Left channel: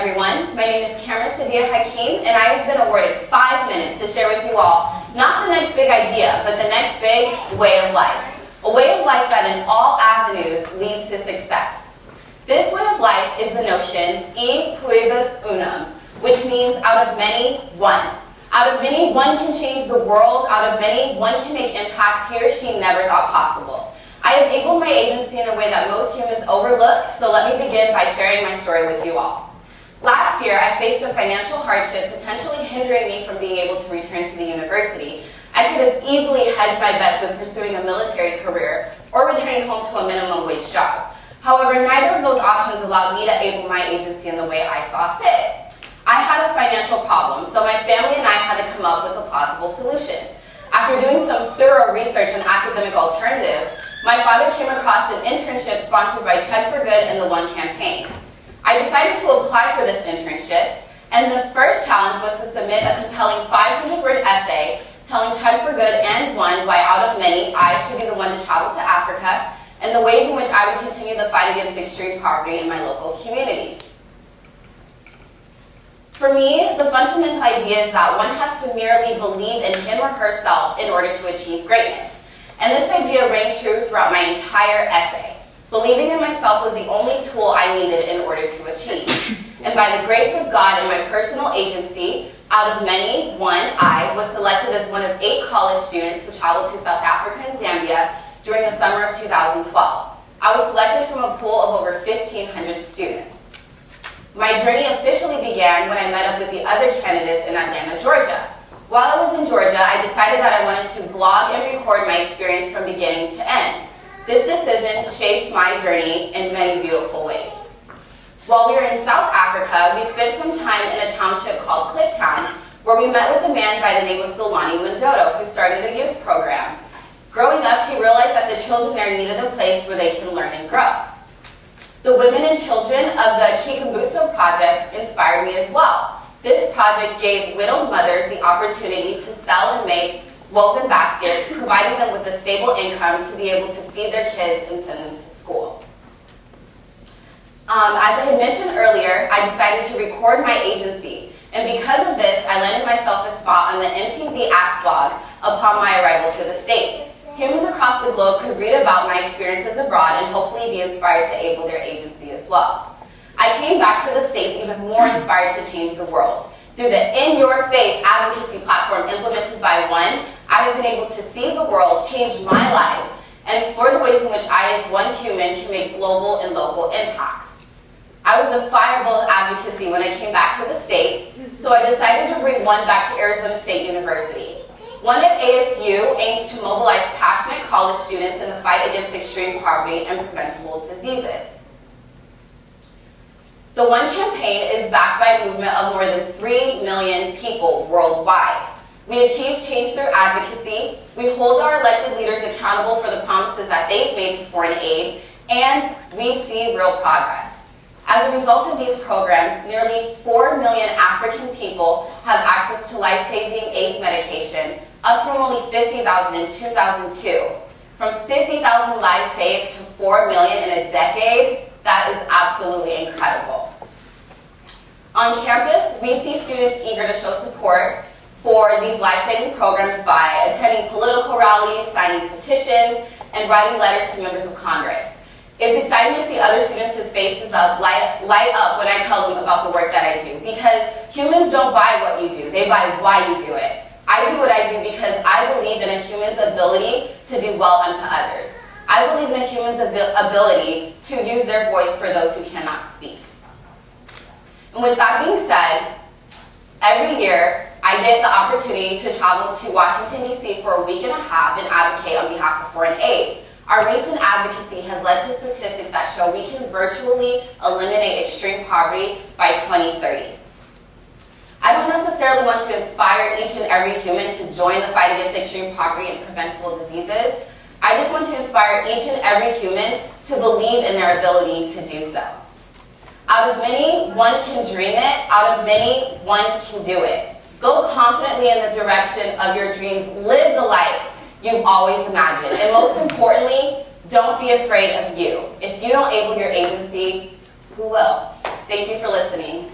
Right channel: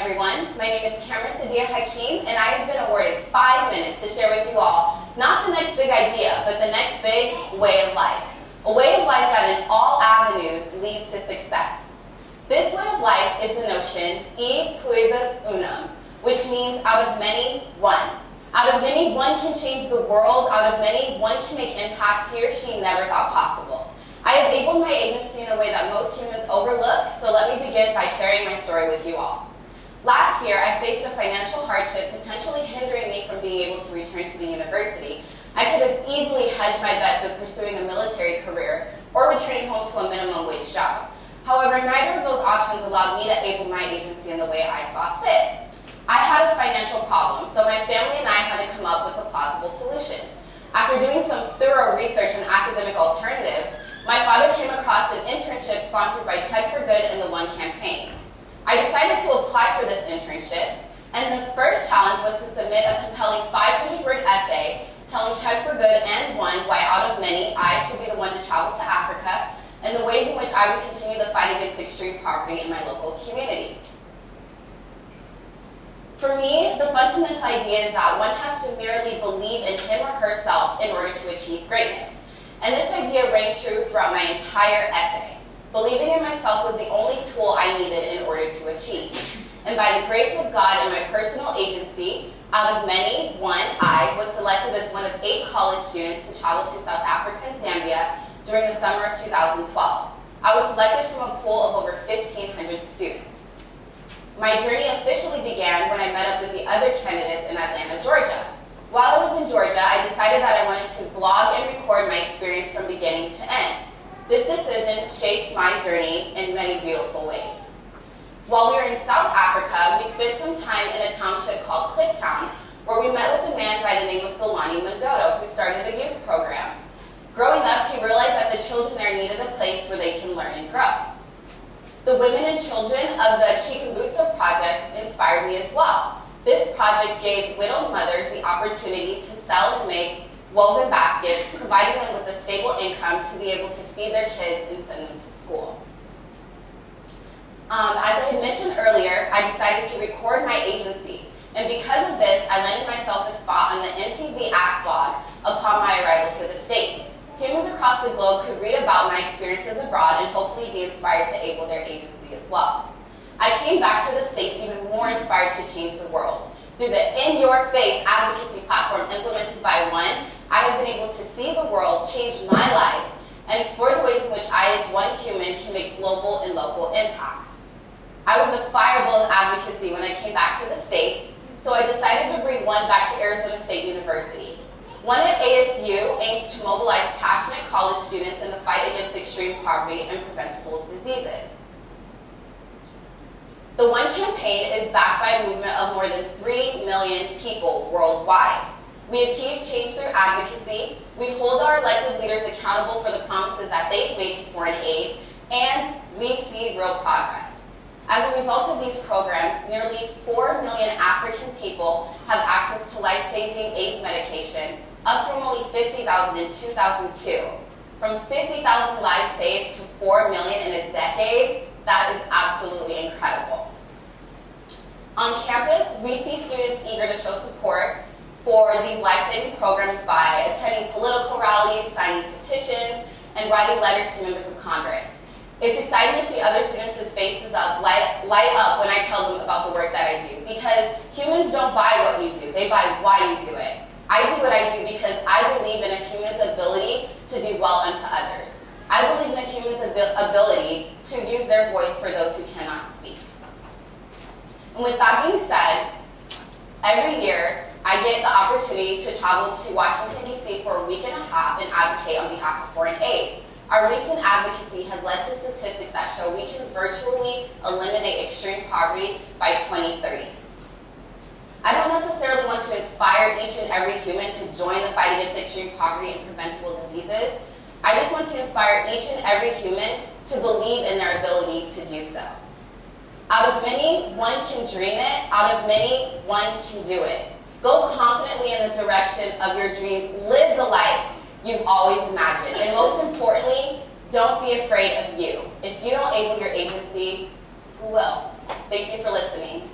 everyone. My name is Kamra Sadia Hakim, and I have been awarded 5 minutes to share with you all not the next big idea, but the next big way of life. A way of life that in all avenues leads to success. This way of life is the notion e pluribus unum, which means out of many, one. Out of many, one can change the world. Out of many, one can make impacts he or she never thought possible. I have labeled my agency in a way that most humans overlook, so let me begin by sharing my story with you all. Last year, I faced a financial hardship potentially hindering me from being able to return to the university. I could have easily hedged my bets with pursuing a military career or returning home to a minimum wage job. However, neither of those options allowed me to able my agency in the way I saw fit. I had a financial problem, so my family and I had to come up with a plausible solution. After doing some thorough research on academic alternatives, my father came across an internship sponsored by Chud for Good and the One campaign. I decided to apply for this internship, and the first challenge was to submit a compelling 500-word essay telling Chud for Good and One why out of many, I should be the one to travel to Africa, and the ways in which I would continue the fight against extreme poverty in my local community. For me, the fundamental idea is that one has to merely believe in him or herself in order to achieve greatness. And this idea rang true throughout my entire essay. Believing in myself was the only tool I needed in order to achieve. And by the grace of God and my personal agency, out of many, one, I was selected as one of 8 college students to travel to South Africa and Zambia during the summer of 2012. I was selected from a pool of over 1,500 students. My journey officially began when I met up with the other candidates in Atlanta, Georgia. While I was in Georgia, I decided that I wanted to blog and record my experience from beginning to end. This decision shaped my journey in many beautiful ways. While we were in South Africa, we spent some time in a township called Kliptown, where we met with a man by the name of Delani Mandodo, who started a youth program. Growing up, he realized that the children there needed a place where they can learn and grow. The women and children of the Chikambuso project inspired me as well. This project gave widowed mothers the opportunity to sell and make woven baskets, providing them with a stable income to be able to feed their kids and send them to school. As I had mentioned earlier, I decided to record my agency, and because of this, I landed myself a spot on the MTV Act blog upon my arrival to the States. Humans across the globe could read about my experiences abroad and hopefully be inspired to able their agency as well. I came back to the States even more inspired to change the world. Through the in-your-face advocacy platform implemented by One, I have been able to see the world, change my life, and explore the ways in which I as one human can make global and local impacts. I was a fireball of advocacy when I came back to the States, so I decided to bring One back to Arizona State University. One at ASU aims to mobilize passionate college students in the fight against extreme poverty and preventable diseases. The One campaign is backed by a movement of more than 3 million people worldwide. We achieve change through advocacy, we hold our elected leaders accountable for the promises that they've made to foreign aid, and we see real progress. As a result of these programs, nearly 4 million African people have access to life-saving AIDS medication, up from only 50,000 in 2002. From 50,000 lives saved to 4 million in a decade, that is absolutely incredible. On campus, we see students eager to show support for these life-saving programs by attending political rallies, signing petitions, and writing letters to members of Congress. It's exciting to see other students' faces light up when I tell them about the work that I do, because humans don't buy what you do, they buy why you do it. I do what I do because I believe in a human's ability to do well unto others. I believe in a human's ability to use their voice for those who cannot speak. And with that being said, every year I get the opportunity to travel to Washington, D.C. for a week and a half and advocate on behalf of foreign aid. Our recent advocacy has led to statistics that show we can virtually eliminate extreme poverty by 2030. I don't necessarily want to inspire each and every human to join the fight against extreme poverty and preventable diseases. I just want to inspire each and every human to believe in their ability to do so. Out of many, one can dream it. Out of many, one can do it. Go confidently in the direction of your dreams. Live the life you've always imagined. And most importantly, don't be afraid of you. If you don't able your agency, who will? Thank you for listening.